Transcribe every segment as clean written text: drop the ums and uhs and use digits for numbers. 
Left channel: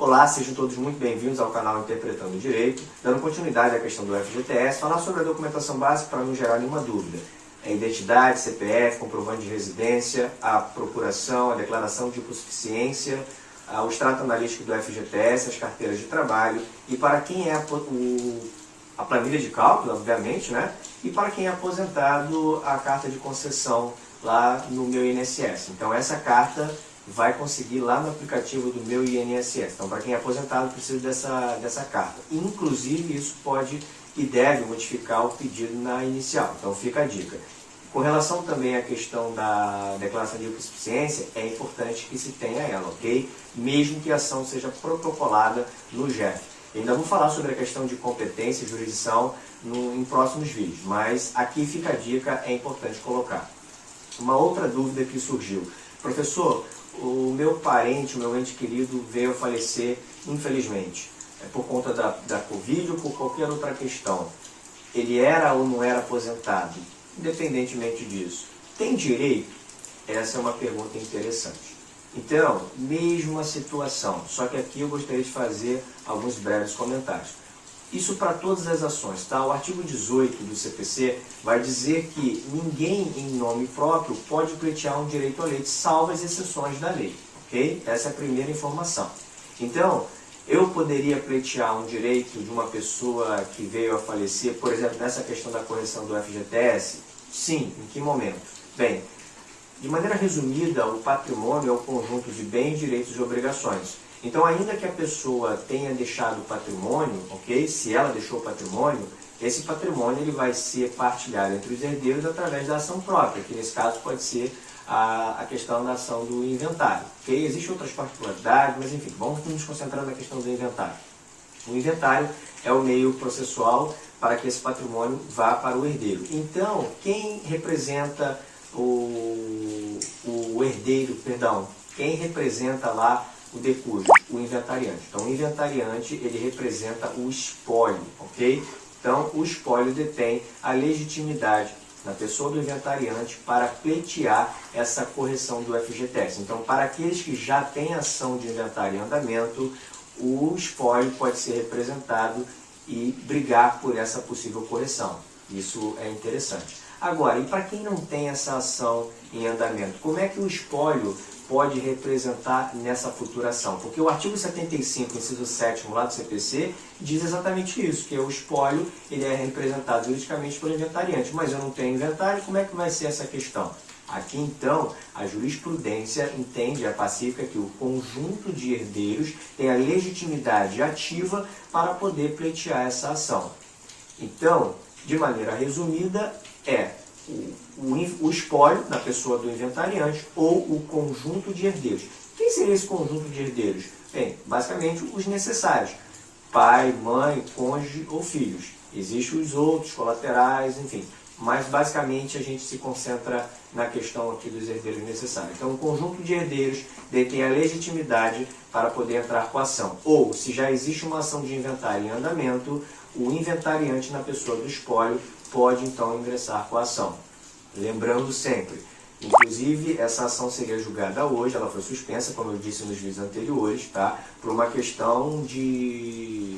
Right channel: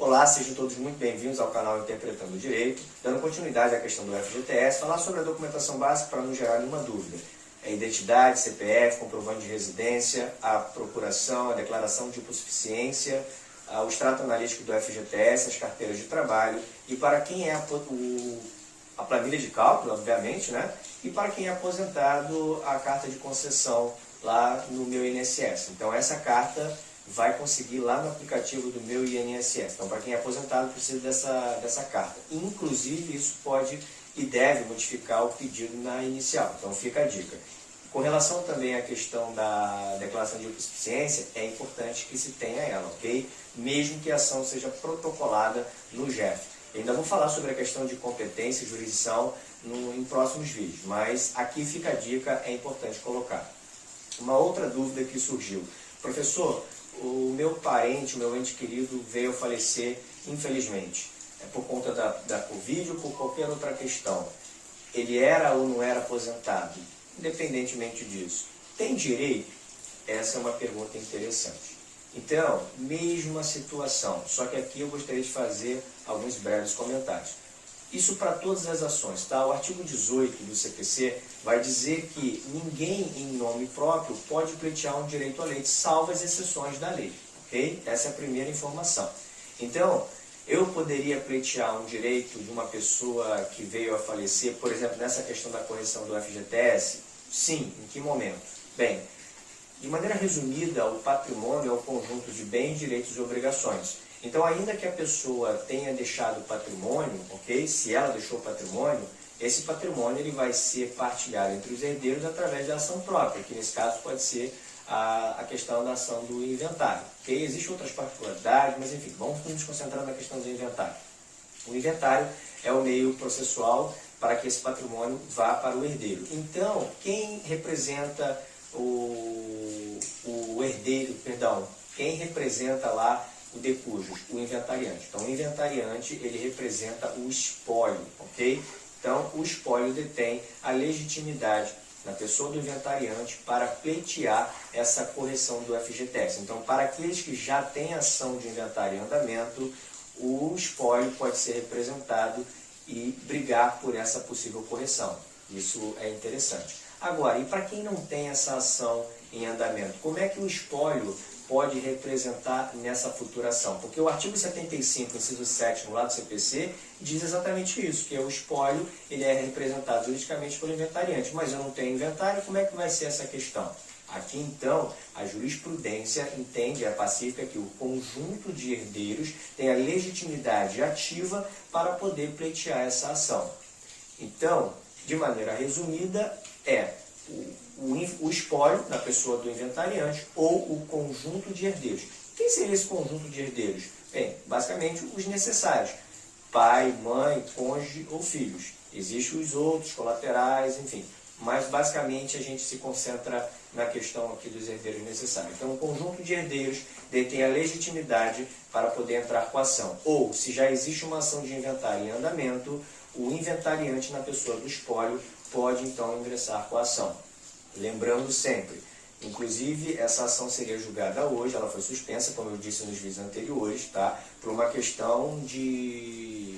Olá, sejam todos muito bem-vindos ao canal Interpretando o Direito. Dando continuidade à questão do FGTS, falar sobre a documentação básica para não gerar nenhuma dúvida. É identidade, CPF, comprovante de residência, a procuração, a declaração de hipossuficiência, o extrato analítico do FGTS, as carteiras de trabalho e para quem é a planilha de cálculo, obviamente, né? E para quem é aposentado, a carta de concessão lá no meu INSS. Então essa carta vai conseguir lá no aplicativo do meu INSS. Então, para quem é aposentado, precisa dessa carta. Inclusive, isso pode e deve modificar o pedido na inicial. Então, fica a dica. Com relação também à questão da declaração de hipossuficiência, é importante que se tenha ela, ok? Mesmo que a ação seja protocolada no GEF. Ainda vou falar sobre a questão de competência e jurisdição em próximos vídeos, mas aqui fica a dica, é importante colocar. Uma outra dúvida que surgiu. Professor, o meu parente, o meu ente querido veio a falecer, infelizmente, por conta da Covid ou por qualquer outra questão. Ele era ou não era aposentado? Independentemente disso, tem direito? Essa é uma pergunta interessante. Então, mesma situação, só que aqui eu gostaria de fazer alguns breves comentários. Isso para todas as ações, tá? O artigo 18 do CPC vai dizer que ninguém em nome próprio pode pleitear um direito à lei, salvo as exceções da lei, ok? Essa é a primeira informação. Então, eu poderia pleitear um direito de uma pessoa que veio a falecer, por exemplo, nessa questão da correção do FGTS? Sim, em que momento? Bem, de maneira resumida, o patrimônio é o conjunto de bens, direitos e obrigações. Então, ainda que a pessoa tenha deixado patrimônio, ok? Se ela deixou patrimônio, esse patrimônio ele vai ser partilhado entre os herdeiros através da ação própria, que nesse caso pode ser a questão da ação do inventário, ok? Existem outras particularidades, mas enfim, vamos nos concentrar na questão do inventário. O inventário é o meio processual para que esse patrimônio vá para o herdeiro. Então, quem representa o herdeiro, perdão, quem representa lá o decúbito, o inventariante. Então, o inventariante, ele representa o espólio, ok? Então, o espólio detém a legitimidade na pessoa do inventariante para pleitear essa correção do FGTS. Então, para aqueles que já têm ação de inventário em andamento, o espólio pode ser representado e brigar por essa possível correção. Isso é interessante. Agora, e para quem não tem essa ação em andamento, como é que o espólio pode representar nessa futura ação? Porque o artigo 75, inciso 7º lá do CPC, diz exatamente isso, que o espólio ele é representado juridicamente pelo inventariante, mas eu não tenho inventário, como é que vai ser essa questão? Aqui, então, a jurisprudência entende, é pacífica, que o conjunto de herdeiros tem a legitimidade ativa para poder pleitear essa ação. Então, de maneira resumida, é o espólio da pessoa do inventariante ou o conjunto de herdeiros. Quem seria esse conjunto de herdeiros? Bem, basicamente os necessários. Pai, mãe, cônjuge ou filhos. Existem os outros, colaterais, enfim. Mas basicamente a gente se concentra na questão aqui dos herdeiros necessários. Então o conjunto de herdeiros detém a legitimidade para poder entrar com a ação. Ou, se já existe uma ação de inventário em andamento, o inventariante na pessoa do espólio pode então ingressar com a ação. Lembrando sempre, inclusive essa ação seria julgada hoje, ela foi suspensa, como eu disse nos vídeos anteriores, tá? Por uma questão de,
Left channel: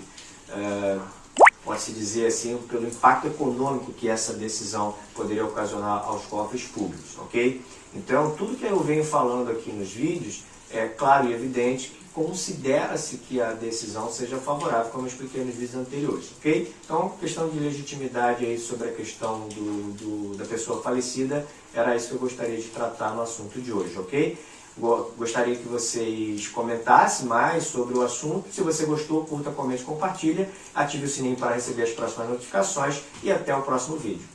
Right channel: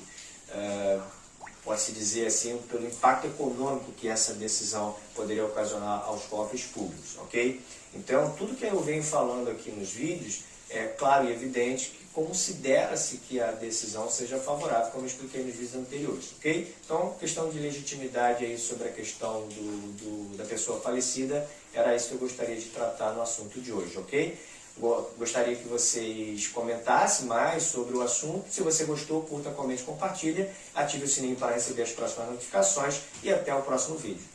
pode-se dizer assim, pelo impacto econômico que essa decisão poderia ocasionar aos cofres públicos, ok? Então, tudo que eu venho falando aqui nos vídeos é claro e evidente que considera-se que a decisão seja favorável, como eu expliquei nos vídeos anteriores, ok? Então, questão de legitimidade aí sobre a questão da pessoa falecida, era isso que eu gostaria de tratar no assunto de hoje, ok? Gostaria que vocês comentassem mais sobre o assunto. Se você gostou, curta, comente, compartilha, ative o sininho para receber as próximas notificações e até o próximo vídeo.